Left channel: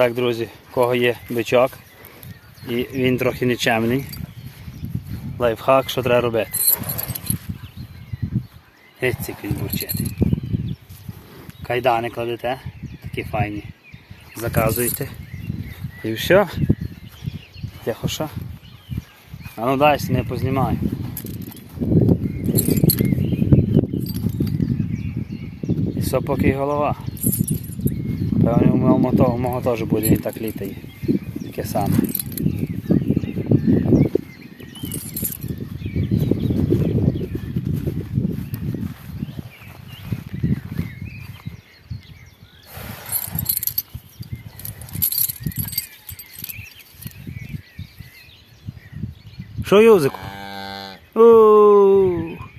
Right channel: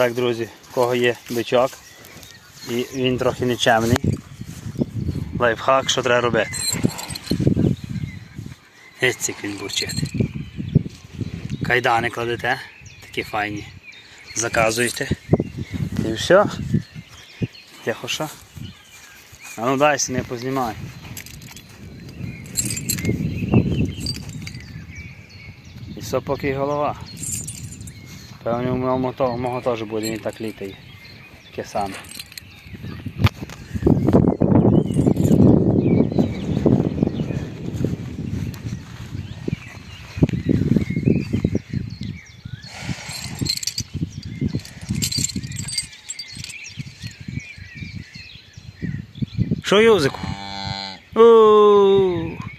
Так, друзі, в кого є бичок і він трохи нечемний, лайфхак, що треба робити. Геть як він бурчить. Кайдани кладете, такі файні, заказуєте і все. Тихо що? А ну дай, не познімай. І все поки й голова. Певно, у мого теж буде, він так літає. Таке саме. Що, Юзику? Ооо!